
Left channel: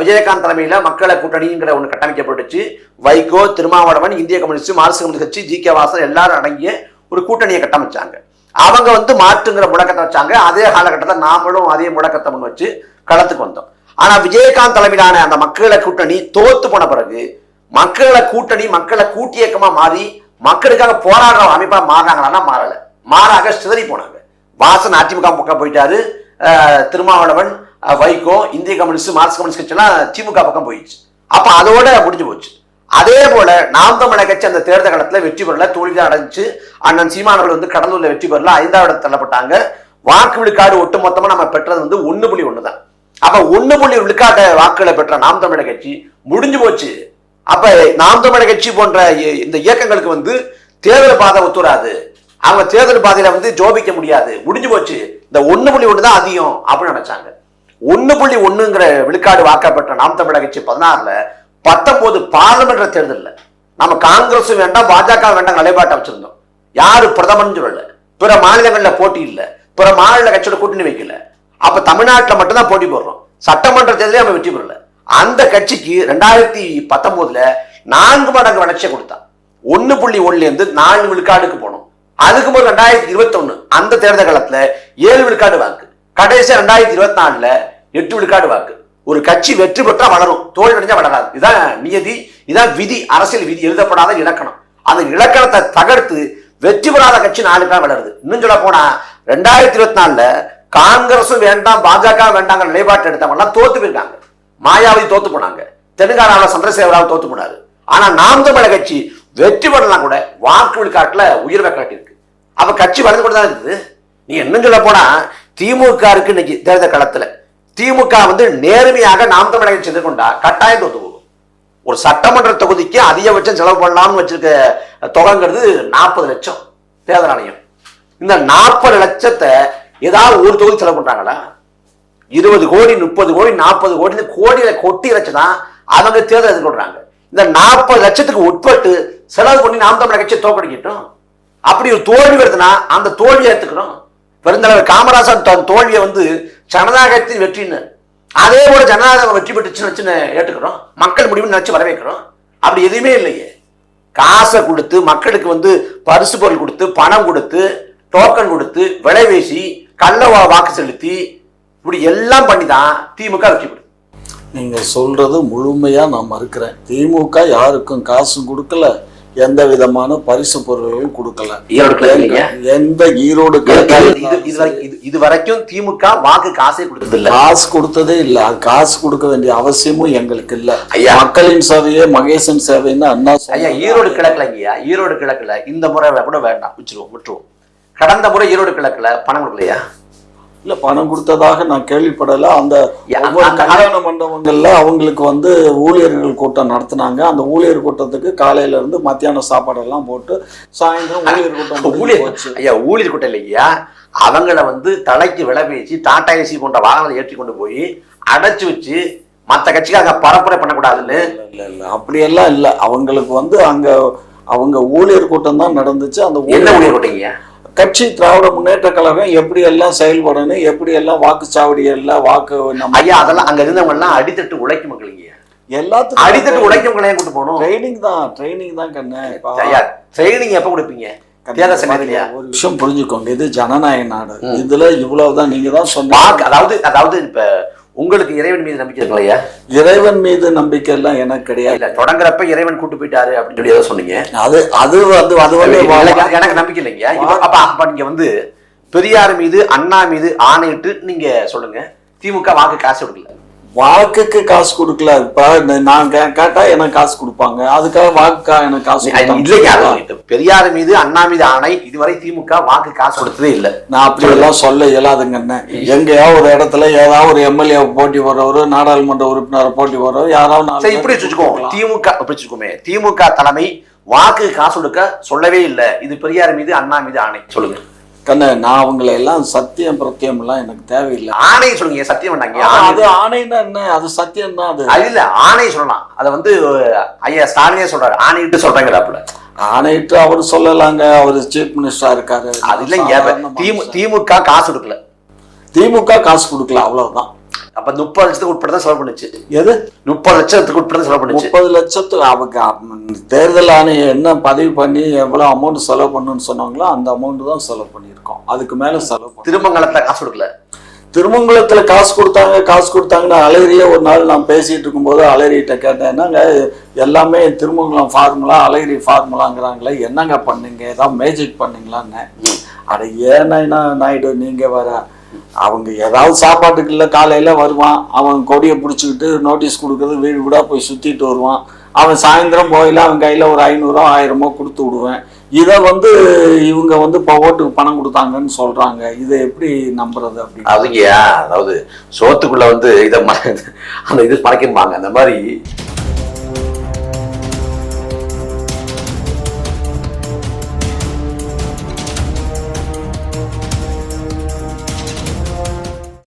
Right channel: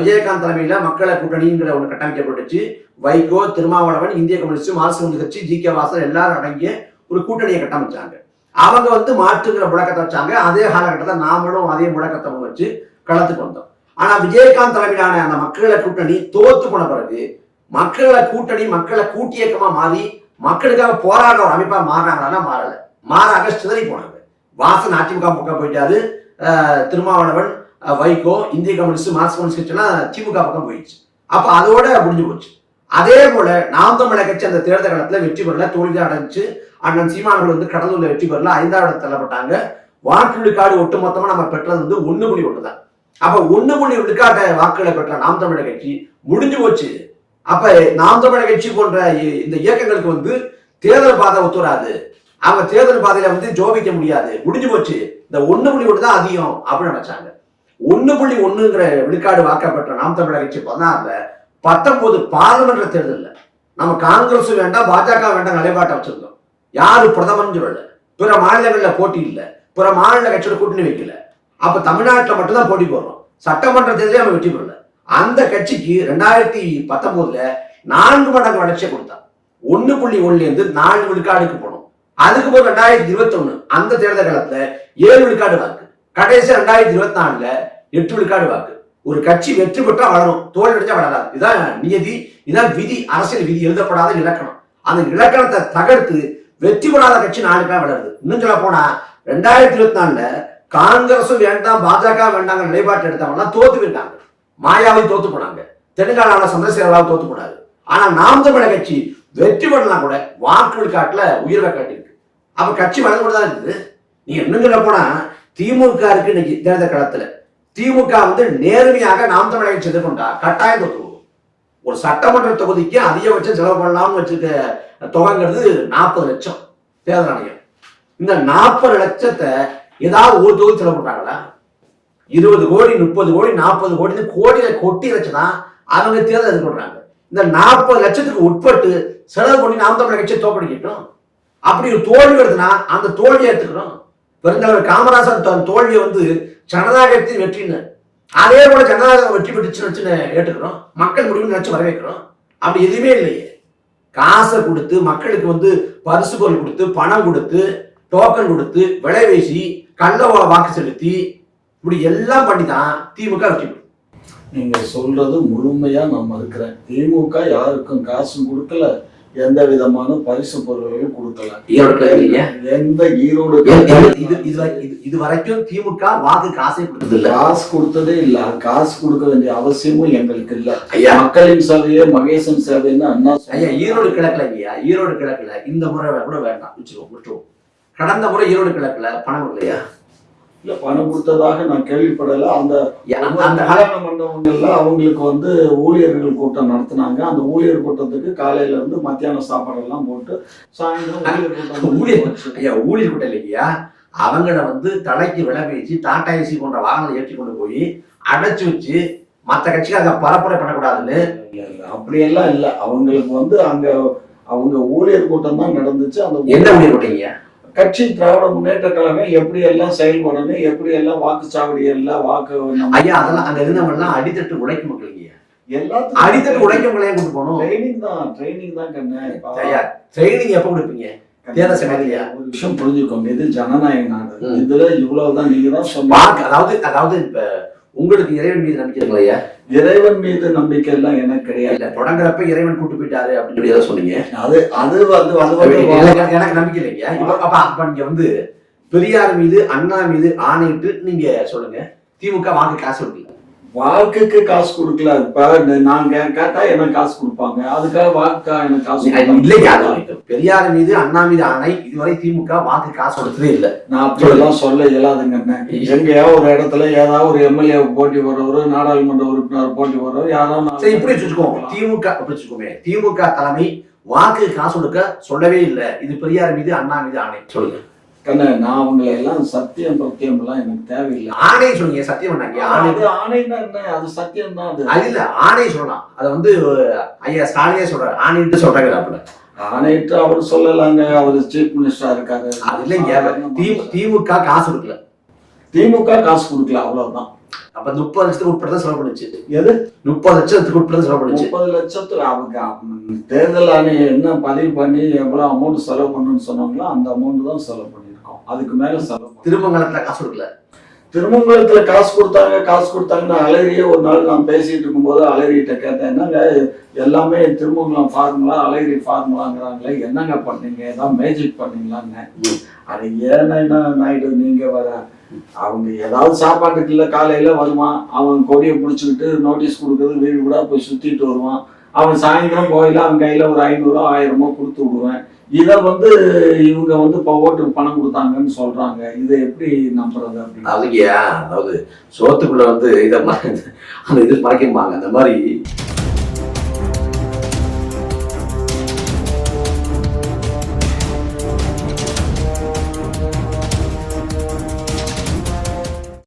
விஜயகாந்த் தலைமையில மக்களை கூட்டணிங்கிற ஒன்று கட்டமைக்கப்பட்டுச்சு. வைகோ, திருமாவளவன், இந்திய கம்யூனிஸ்ட், மார்க்சிஸ்ட் கம்யூனிஸ்ட் கட்சி, ஜி.கே. வாசன் எல்லாரும் அடங்கிய ஒரு கூட்டணியை கட்டமைச்சாங்க. அவங்க வந்து மாற்றுங்கிற முழக்கத்தை வச்சாங்க. அதே காலகட்டத்தில் நாமளும் அதே முழக்கத்தை முன் வச்சு களத்துக்கு வந்தோம். ஆனா விஜயகாந்த் தலைமையிலான அந்த மக்களை கூட்டணி தோத்து போன பிறகு மக்களை கூட்டணி மக்களை கூட்டியக்கமா மாறி மக்களுக்காக போராடுற அமைப்பா மாறாங்களா? மாறல. மாறாக சிதறி போனாங்க. வாசன் அதிமுக பக்கம் போயிட்டாரு, திருமாவளவன், வைகோ, இந்திய கம்யூனிஸ்ட், மார்க்சிஸ்ட் கம்யூனிஸ்ட் கட்சி எல்லாம் திமுக பக்கம் போயிடுச்சு. அப்ப அதோட முடிஞ்சு போச்சு. அதே போல நாம் தமிழர் கட்சி அந்த தேர்தல் காலத்துல வெற்றி பெறல, தோல்விதான் அடைஞ்சு. அண்ணன் சீமானவர்கள் வந்து கடலூர்ல வெற்றி பெறல, 5வது இடத்துல தள்ளப்பட்டாங்க. வாக்கு விழுக்காடு ஒட்டு மொத்தமா நம்ம பெற்றது வந்து 1.1 தான். அப்ப 1 விழுக்காட்ட வாக்குகளை பெற்ற நாம் தமிழர் கட்சி முடிஞ்சு போச்சு. அப்ப நாம் தமிழர் கட்சி போன்ற இந்த இயக்கங்களுக்கு வந்து தேர்தல் பாதை ஒத்துறாது, அவங்க தேர்தல் பாதையில வந்து ஜோபிக்க முடியாது, முடிஞ்சு போச்சு, இந்த 1.1 தான் அதிகம் அப்படின்னு நினைச்சாங்க. 1.1ங்கிற விழுக்காடு வாக்கப்பட்ட நாம் தமிழர் கட்சி 16ல 19 பாராளுமன்ற தேர்தலில் நம்ம காங்கிரஸ் வேண்டாம் பாஜக வேண்டாம் நிலைப்பாட்டை வச்சிருந்தோம். யாரு பிரதமர்னு சொல்லல, பிற மாநிலங்கள்ல போட்டி இல்லை, பிற மாநில கட்சியோட கூட்டணி வைக்கல. அப்ப தமிழ்நாட்டில் மட்டும்தான் போட்டி போடுறோம். சட்டமன்ற தேர்தலே நம்ம வெற்றி பெறல. அந்த கட்சிக்கு 2019ல 4 மடங்கு வளர்ச்சியை கொடுத்தான். 1.1ல இருந்து 4 விழுக்காடுக்கு போனோம். அதுக்கு போது 2021 அந்த தேர்தல் காலத்துல 7 விழுக்காடு வாக்கு, கடைசி 2024ல 8 விழுக்காடு வாக்கு. ஒரு கட்சி வெற்றி பெற்றா வளரும், தோல்வி அடைஞ்சா வளராது. இதான் நியதி, இதான் விதி, அரசியல் விதி, எழுதப்படாத இலக்கணம். அந்த இலக்கணத்தை தகர்த்து வெற்றி பெறாத கட்சி 4 பேர் வளருது. இன்னும் சொல்ல போனா 2024ல காங்கிரஸும் வேண்டாம் பாஜக வேண்டாங்க நிலைப்பாட்டு எடுத்தவங்க எல்லாம் தோத்து போயிருக்காங்க. மாயாவதி தோத்து போனாங்க, தெலுங்கானாவில் சந்திரசேகராவ் தோத்து போனாரு. ஆனா நாம் தமிழர் கட்சி வெற்றி பெறலாம் கூட வாக்கு விழுக்காட்டுல உயர்வை காட்டியிருக்கு. அப்ப கட்சி வளர்ந்து கொண்டுதான் இருக்குது. நீங்க இன்னும் சொல்ல போனா திமுக இருக்கு இன்னைக்கு தேர்தல் களத்துல. திமுக வந்து நேர்மையாக நாம் தமிழர் கட்சி எதிர்கொண்டா கட்டாயம் தோத்து போகும். ஒரு சட்டமன்ற தொகுதிக்கு அதிகபட்சம் செலவு பண்ணலாம்னு வச்சிருக்க தொகைங்கிறது 40 லட்சம் தேர்தல் ஆணையம். இந்த 40 லட்சத்தை ஏதாவது ஒரு தொகுதி செலவு பண்றாங்களா? 20 கோடி 30 கோடி 40 கோடி கோடியில கொட்டி வச்சுதான் அவங்க தேர்தல் எதிர்கொள்றாங்க. இந்த 40 லட்சத்துக்கு உட்பட்டு செலவு பண்ணி நாம் தமிழர் கட்சியை தோற்கடிக்கட்டும். அப்படி ஒரு தோல்வி வருதுன்னா அந்த தோல்வியை ஏற்றுக்கிறோம். பெருந்தலைவர் காமராசர் தன் தோல்வியை வந்து ஜனநாயகத்தின் வெற்றின்னு, அதே போல ஜனநாயகம் வெற்றி பெற்றுச்சுன்னு ஏற்றுக்கிறோம். மக்கள் முடிவுன்னு நினைச்சு வரவேற்கிறோம். அப்படி எதுவுமே இல்லையே. காசை கொடுத்து மக்களுக்கு வந்து பரிசு பொருள் கொடுத்து பணம் கொடுத்து டோக்கன் கொடுத்து விலை வீசி கள்ள வாக்கு செலுத்தி இப்படி எல்லாம் பண்ணிதான் திமுக வெற்றி பெறும். நீங்க சொல்றது முழுமையா நான் மறுக்கிறேன். திமுக யாருக்கும் காசும் கொடுக்கல, எந்த விதமான பரிசு பொருள்களும் கொடுக்கல. எந்த ஈரோடு இது வரைக்கும் திமுக வாக்கு காசே கொடுத்தது இல்ல, காசு கொடுத்ததே இல்ல. காசு கொடுக்க வேண்டிய அவசியமும் எங்களுக்கு இல்ல. மக்களின் சேவையே மகேசன் சேவைன்னு அண்ணா ஐயா ஈரோடு கிழக்குல ஐயா, ஈரோடு கிழக்குல இந்த முறை கூட வேண்டாம், விட்டுருவோம். கடந்த முறை ஈரோடு கிழக்குல பணம் கொடுக்கலையா? இல்ல, பணம் கொடுத்ததாக நான் கேள்விப்படல. அந்த கல்யாண மண்டபங்கள்ல அவங்களுக்கு வந்து ஊழியர்கள் கூட்டம் நடத்தினாங்க. அந்த ஊழியர் கூட்டத்துக்கு காலையில இருந்து மத்தியான சாப்பாடு எல்லாம் போட்டு சாயந்தரம் ஊழியர் கூட்டம். ஐயா ஊழியர் கூட்டம் இல்லையா, அவங்கள வந்து தலைக்கு விலை பேசி டாடா ஏசி போன்ற வாகனங்களை ஏற்றி கொண்டு போய் அடைச்சு வச்சு மற்ற கட்சிக்காக பரப்புரை பண்ணக்கூடாதுன்னு. இல்ல அப்படியெல்லாம் இல்ல. அவங்களுக்கு வந்து அங்க அவங்க ஊழியர் கூட்டம் தான் நடந்துச்சு. அந்த என்ன ஊழியர் கூட்டங்க? கட்சி திராவிட முன்னேற்ற கழகம் எப்படி எல்லாம் செயல்படணும், எப்படி எல்லாம் வாக்குச்சாவடி எல்லாம் வாக்கு. ஐயா அதெல்லாம் அங்க இருந்தவங்க எல்லாம் அடித்தட்டு உழைக்கும் மக்களுங்க, எல்லாத்துக்கும் அடித்தட்டு உழைக்கும் மக்களையும் கூட்டு போகணும். ட்ரைனிங் தான் கண்ணு. ட்ரைனிங் எப்ப கொடுப்பீங்க? தேர்தல் சமயத்திலயா? ஒரு விஷயம் புரிஞ்சுக்கோங்க, இது ஜனநாயக நாடு. இதுல இவ்வளவுதான் நீங்க தான் சொன்னாங்க. அதாவது இப்ப உங்களுக்கு இறைவன் மீது நம்பிக்கை இருக்கலையா? இறைவன் மீது நம்பிக்கை எல்லாம் எனக்கு கிடையாது. தொடங்குறப்ப இறைவன் கூட்டு போயிட்டாரு அப்படின்னு சொல்லி ஏதோ சொன்னீங்க. அது எனக்கு நம்பிக்கை இல்லைங்க. அப்ப நீங்க வந்து பெரியார் மீது அண்ணா மீது ஆணையிட்டு நீங்க சொல்லுங்க, திமுக வாக்கு காசு கொடுக்கல. வாக்குக்கு காசு கொடுக்கல. இப்ப நான் கேட்டா எனக்கு காசு கொடுப்பாங்க, அதுக்காக வாக்குக்காக எனக்கு காசு இல்லையா? பெரியார் மீது அண்ணா மீது ஆணை, இதுவரை திமுக வாக்கு காசு கொடுத்ததே இல்லை. நான் அப்படி எல்லாம் சொல்ல இயலாதுங்கண்ணே. எங்கேயா ஒரு இடத்துல ஏதாவது ஒரு எம்எல்ஏ போட்டி போடுறவரு, நாடாளுமன்ற உறுப்பினர் போட்டி போடுறவரு, யாராவது இப்படி வச்சுக்கோமே. திமுக தலைமை வாக்கு காசு கொடுக்க சொல்லவே இல்லை. இது பெரியார் மீது அண்ணா மீது ஆணை சொல்லுங்க கண்ண. நான் அவங்களை எல்லாம் சத்தியம் பிரத்தியம் எல்லாம் எனக்கு தேவையில்லை. ஆணை சொல்லுங்க. சத்தியம் பண்ணாங்க. அது ஆணைன்னா என்ன? அது சத்தியம் தான். அது இல்ல, ஆணை சொல்லலாம். அதை வந்து ஐயா ஸ்டாலினே சொல்றாரு, ஆணையிட்டு சொல்றாங்க. அப்படி ஆணையிட்டு அவரு சொல்லலாங்க, அவரு சீஃப் மினிஸ்டரா இருக்காரு. அது இல்லைங்க, திமுக காசு கொடுக்கல. திமுக காசு கொடுக்கல, அவ்வளவுதான். அப்ப 30 லட்சத்துக்கு உட்பட தான் செலவு பண்ணுச்சு. எது 30 லட்சத்துக்கு உட்பட செலவு பண்ணுச்சு? 30 லட்சத்துக்கு அவங்க தேர்தல் ஆணையம் என்ன பதிவு பண்ணி எவ்வளவு அமௌண்ட் செலவு பண்ணணும்னு சொன்னாங்களோ அந்த அமௌண்ட் தான் செலவு பண்ணியிருக்கோம். அதுக்கு மேல செலவு. திருமங்கலத்துல காசு கொடுக்கல. திருமங்கலத்துல காசு கொடுத்தாங்கன்னு அழகிரியே ஒரு நாள் நான் பேசிட்டு இருக்கும்போது அழகிரிட்ட கேட்டேன், என்னங்க எல்லாமே திருமங்கலம் ஃபார்முலா அழகிரி ஃபார்முலாங்கிறாங்களே, என்னங்க பண்ணீங்க, ஏதாவது மேஜிக் பண்ணீங்களான்னு. அட ஏன்னா நாயுடு நீங்க வர, அவங்க ஏதாவது சாப்பாட்டுக்கு இல்லை காலையில வருவான், அவன் கொடியை பிடிச்சிக்கிட்டு நோட்டீஸ் கொடுக்குறது வீடு வீடா போய் சுத்திட்டு வருவான். அவன் சாயந்தரம் போயில அவன் கையில ஒரு 500 1000 கொடுத்து விடுவேன். இதை வந்து இவங்க வந்து இப்போ ஓட்டுக்கு பணம் கொடுத்தாங்கன்னு சொல்றாங்க. இதை எப்படி நம்புறது அப்படின்னு? அதுங்கயா, அதாவது சோத்துக்குள்ள வந்து இதை அந்த இது மறைக்கணும்பாங்க. அந்த மாதிரி